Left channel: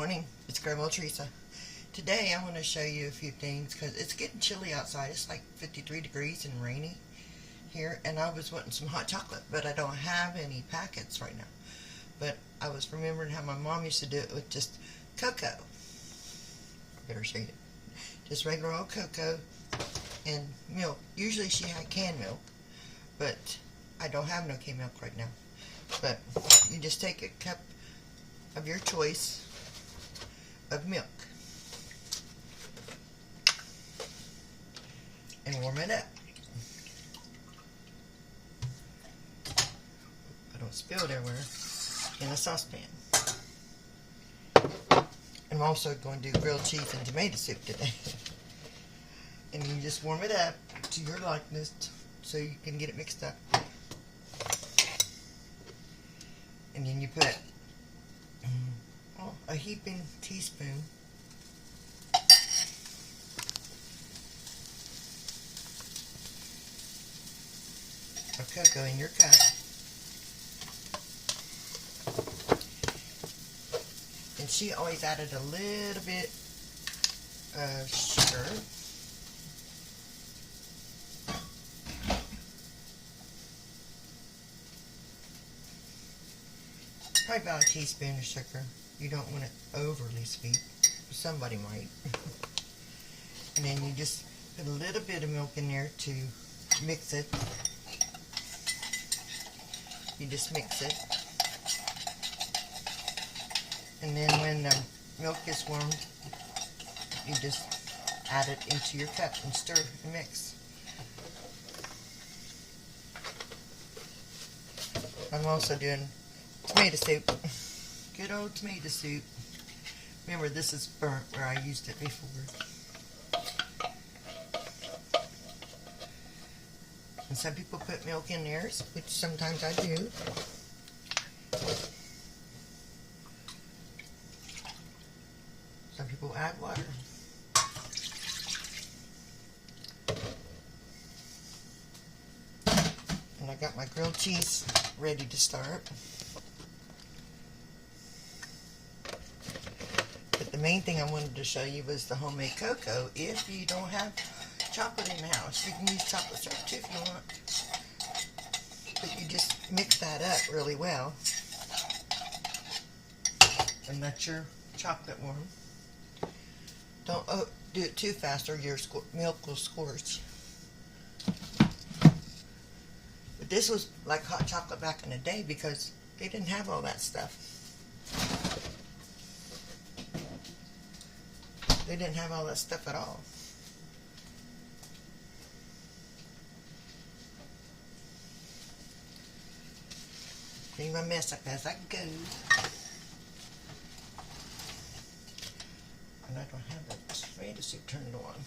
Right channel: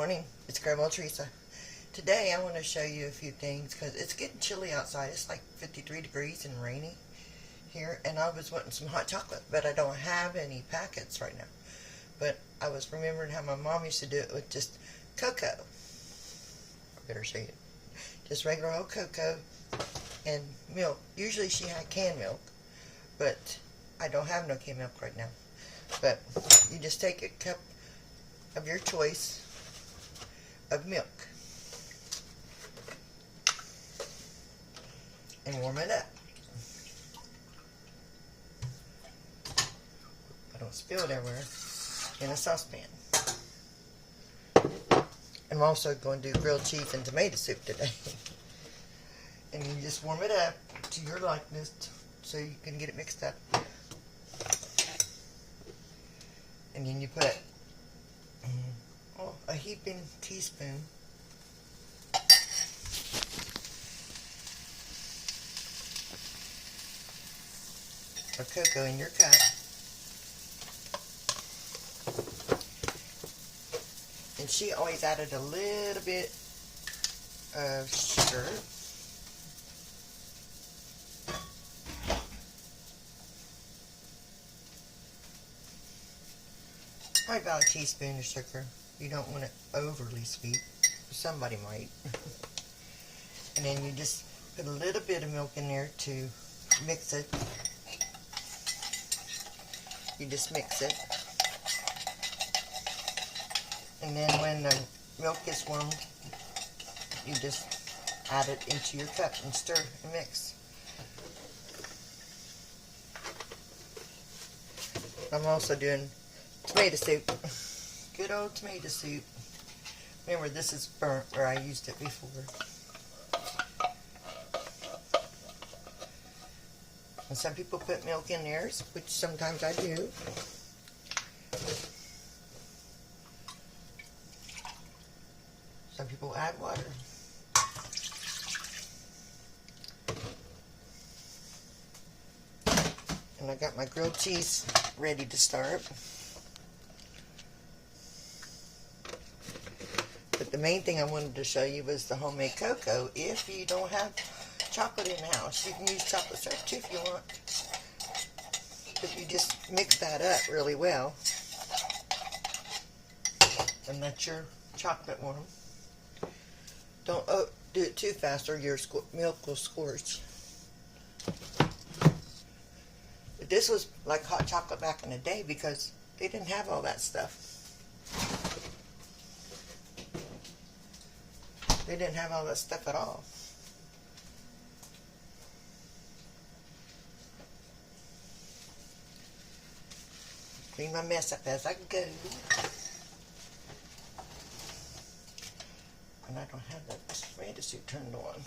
morning, it's Grandma Teresa. Today I want to show you a few things because it's getting chilly outside. It's like 53 degrees and rainy here, and I was wanting some hot chocolate, but I don't have any packets right now. But I was remembering how my mom used to do it with just cocoa. I better say it. Just regular old cocoa and milk. Usually she had canned milk, but I don't have no canned milk right now. But you just take a cup of your choice of milk and warm it up. I don't spill it everywhere. In a saucepan. I'm also going to do grilled cheese and tomato soup today. And you just warm it up to your likeness so you can get it mixed up. And then you put a heaping teaspoon of cocoa in your cup. And she always added a little bit of sugar. Probably about a teaspoon of sugar. You don't want it overly sweet. Somebody might. And then you just put a little bit of milk in there to mix it. You just mix it. And then when the milk is warmed, you just add it into your cup and stir and mix. I'm also doing tomato soup. Good old tomato soup. Remember, this is burnt where I used it before. And some people put milk in theirs, which sometimes I do. Some people add water. And I got my grilled cheese ready to start. But the main thing I wanted to show you was the homemade cocoa. If you don't have chocolate in the house, you can use chocolate syrup too if you want. But you just mix that up really well and let your chocolate warm. Don't do it too fast or your milk will scorch. But this was like hot chocolate back in the day because they didn't have all that stuff. They didn't have all that stuff at all. Clean my mess up as I go. And I don't have the tomato soup turned on.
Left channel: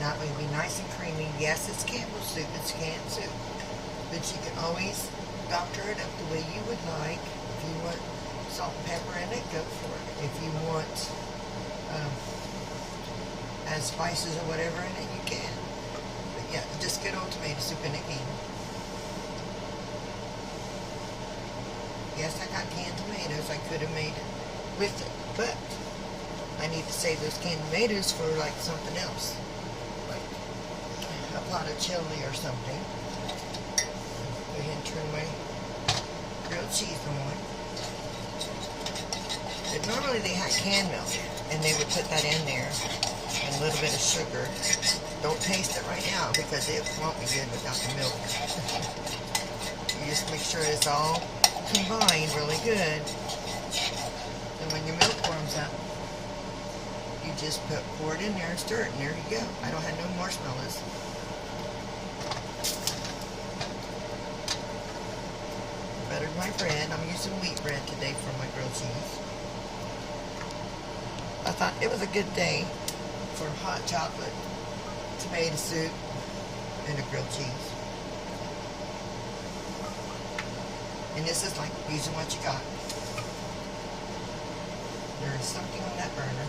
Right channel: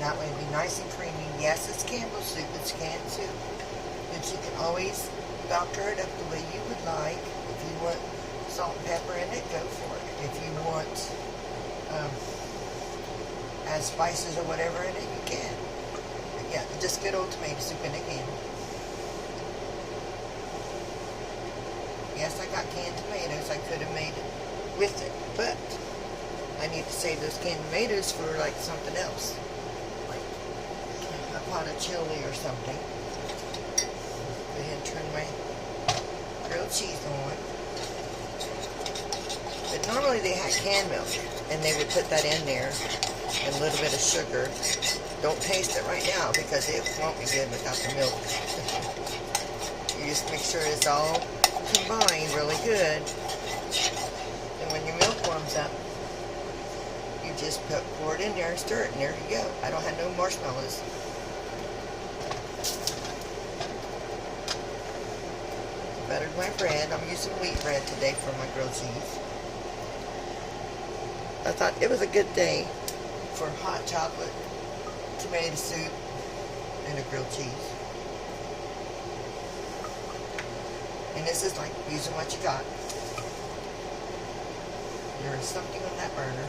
That way it'll be nice and creamy. Yes, it's Campbell's soup, it's canned soup. But you can always doctor it up the way you would like. If you want salt and pepper in it, go for it. If you want add spices or whatever in it, you can. But yeah, just good old tomato soup in a can. Yes, I got canned tomatoes. I could have made it with it, but I need to save those canned tomatoes for like something else, like a pot of chili or something. Go ahead and turn my grilled cheese on. But normally they had canned milk, and they would put that in there. A little bit of sugar. Don't taste it right now because it won't be good without the milk. You just make sure it's all combined really good. And when your milk warms up, you just pour it in there and stir it, and there you go. I don't have no marshmallows. Buttered my bread. I'm using wheat bread today for my grilled cheese. I thought it was a good day for hot chocolate, tomato soup, and a grilled cheese. And this is like using what you got. There is something on that burner.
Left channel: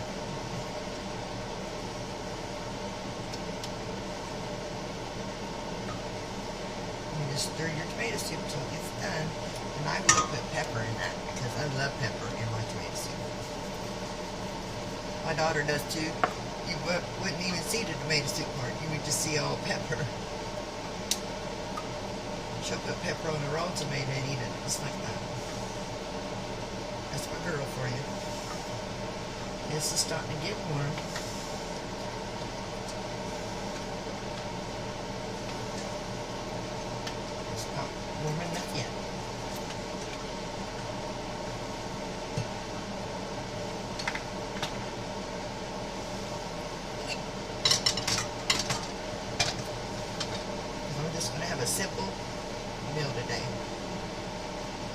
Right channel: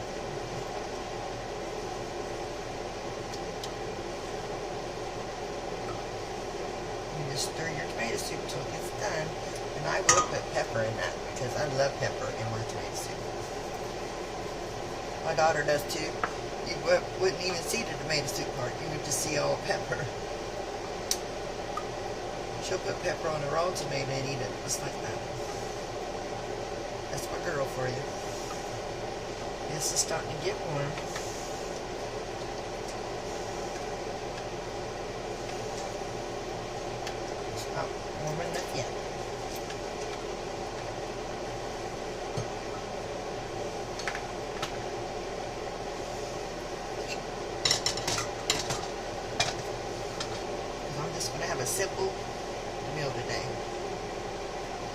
You just stir your tomato soup until it gets done. And I will put pepper in that because I love pepper in my tomato soup. My daughter does too. You wouldn't even see the tomato soup part. You would just see all pepper. She'll put pepper on a raw tomato and eat it just like that. That's my girl for you. This is starting to get warm. It's not warm enough yet. I'm just going to have a simple meal today.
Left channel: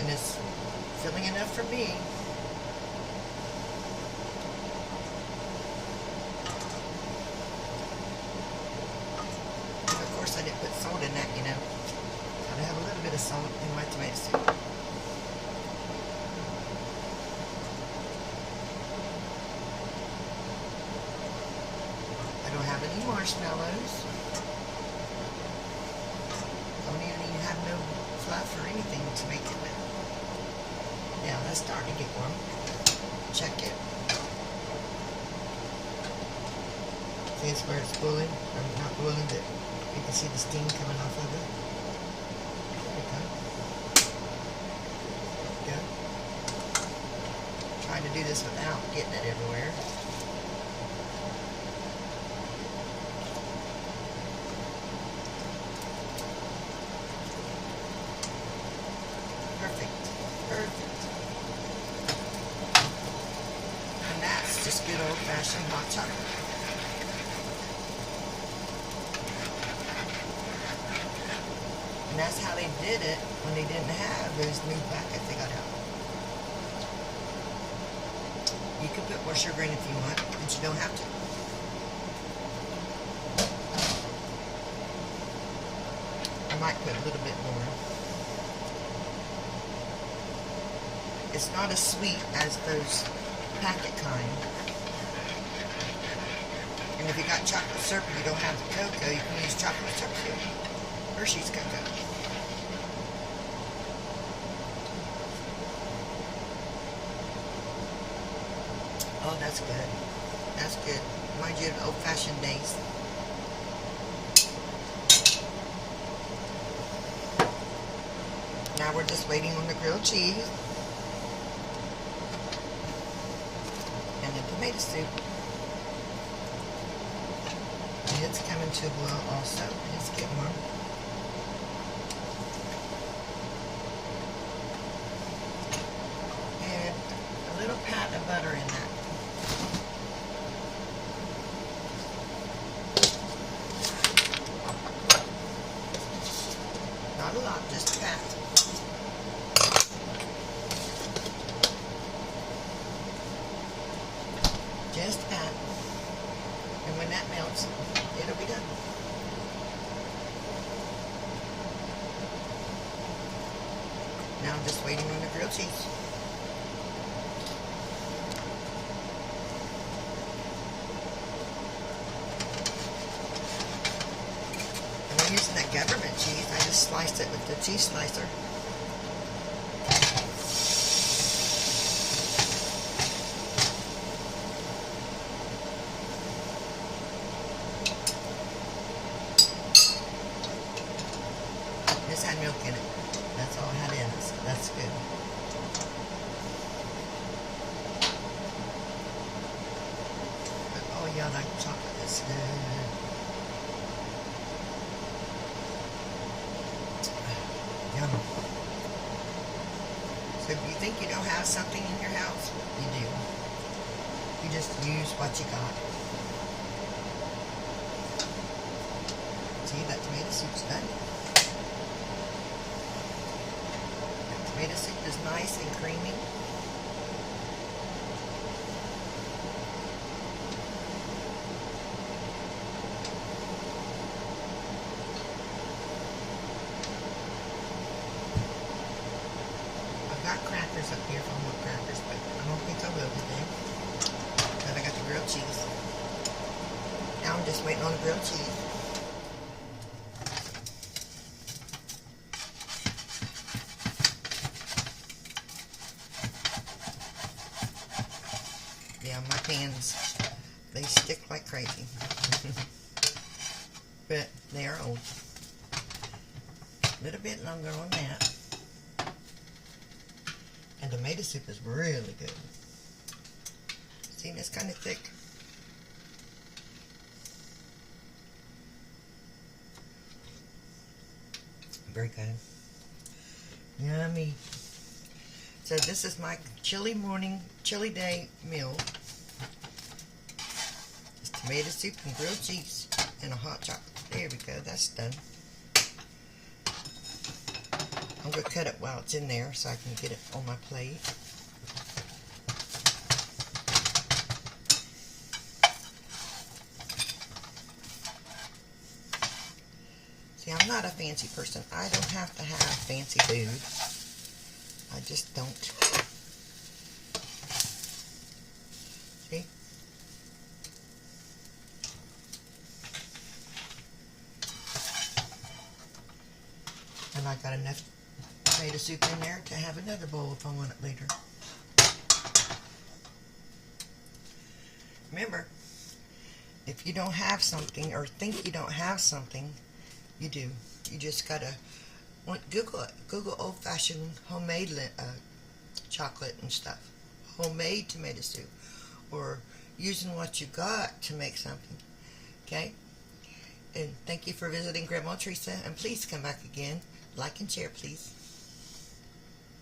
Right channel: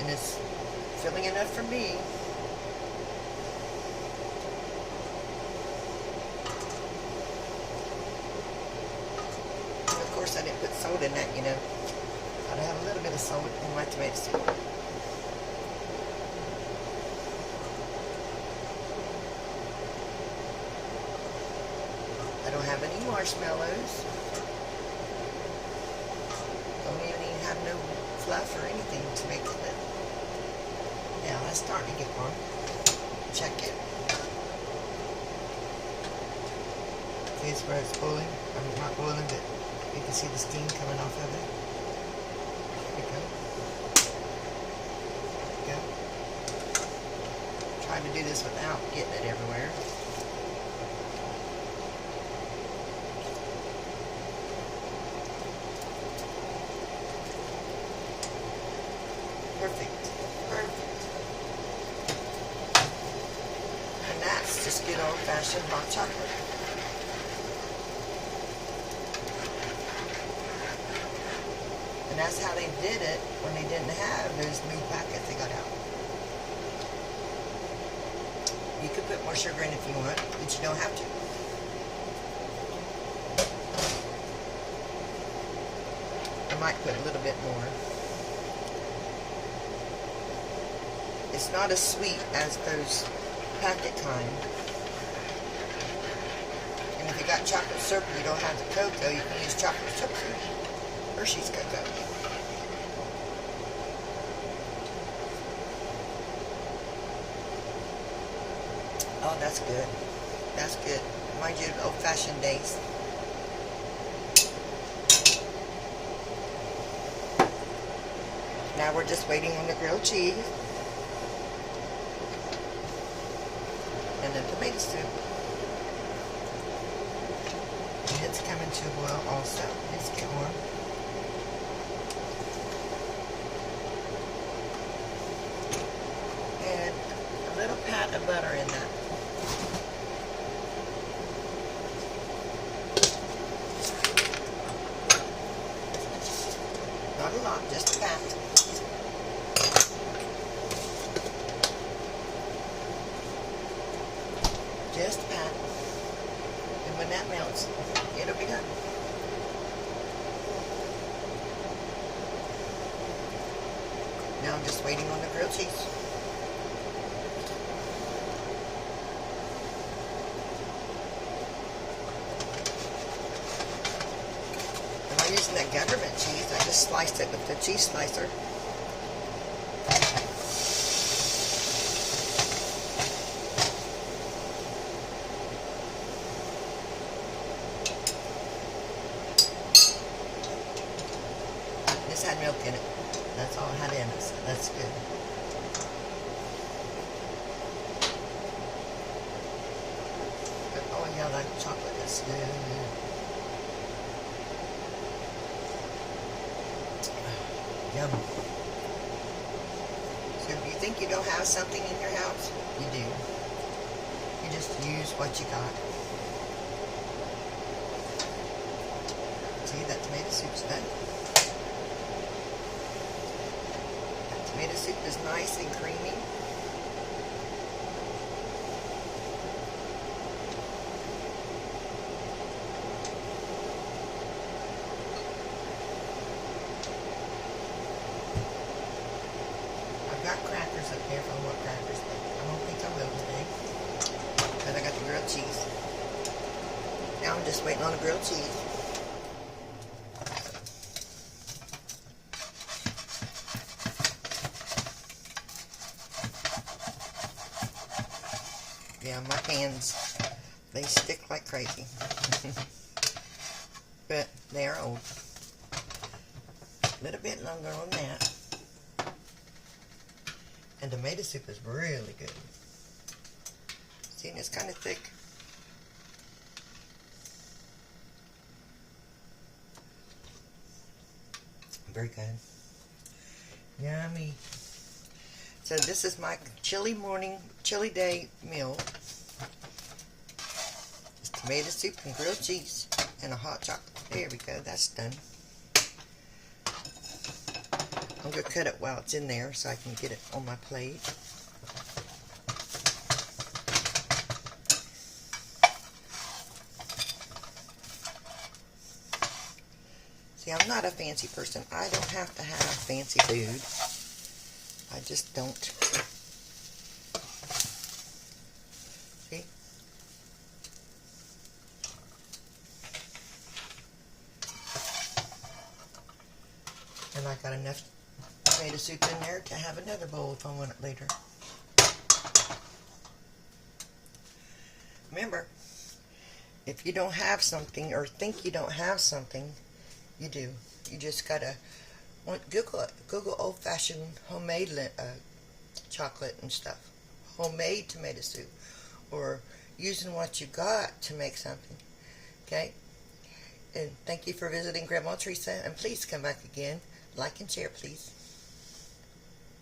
And it's filling enough for me. I didn't put salt in that, you know. Gotta have a little bit of salt in my tomato soup. I don't have any marshmallows. Don't even have no fluff or anything to make it with. Now that's starting to get warm. Check it. See, it's where it's boiling. I'm not boiling, but you can see the steam coming off of it. There we go. There we go. Trying to do this without getting it everywhere. Perfect. Perfect. And that's just good old-fashioned hot chocolate. And that's how they did it when they didn't have those new packets they got out. You could put more sugar in if you want, but you don't have to. I might put a little bit more. It's not as sweet as those packet kind. And if you got chocolate syrup and you don't have the cocoa, you can use chocolate syrup too. Hershey's cocoa. Oh, that's good. That's good. Reminds you of old-fashioned days. Now we're just waiting on the grilled cheese and the tomato soup. And it's coming to a boil also. It's getting warm. And a little pat of butter in that. Not a lot, just a pat. Just a pat. And when that melts, it'll be done. Now I'm just waiting on the grilled cheese. I'm not using that government cheese. I just sliced it with the cheese slicer. This had milk in it. That's all it had in it, so that's good. But oh yeah, that chocolate is good. Yum. So if you think you don't have something in your house, you do. You just use what you got. See, that tomato soup's done. Tomato soup is nice and creamy. I've got crackers up there if I want crackers, but I don't think I will today. waiting on the grilled cheese. Yeah, my pans, they stick like crazy. But they are old. A little bit longer on that. And tomato soup is really good. See, it's kind of thick. Very good. Yummy. So this is my chilly day meal. It's tomato soup and grilled cheese and a hot chocolate. There we go, that's done. I'm going to cut it while it's in there so I can get it on my plate. See, I'm not a fancy person. I don't have to have fancy food. I just don't. See? And I got enough tomato soup in there to have another bowl if I want it later. Remember, if you don't have something or think you don't have something, you do. You just gotta Google it. Google old-fashioned homemade chocolate and stuff. Homemade tomato soup. Or using what you got to make something. Okay? And thank you for visiting Grandma Teresa. And please come back again. Like and share, please.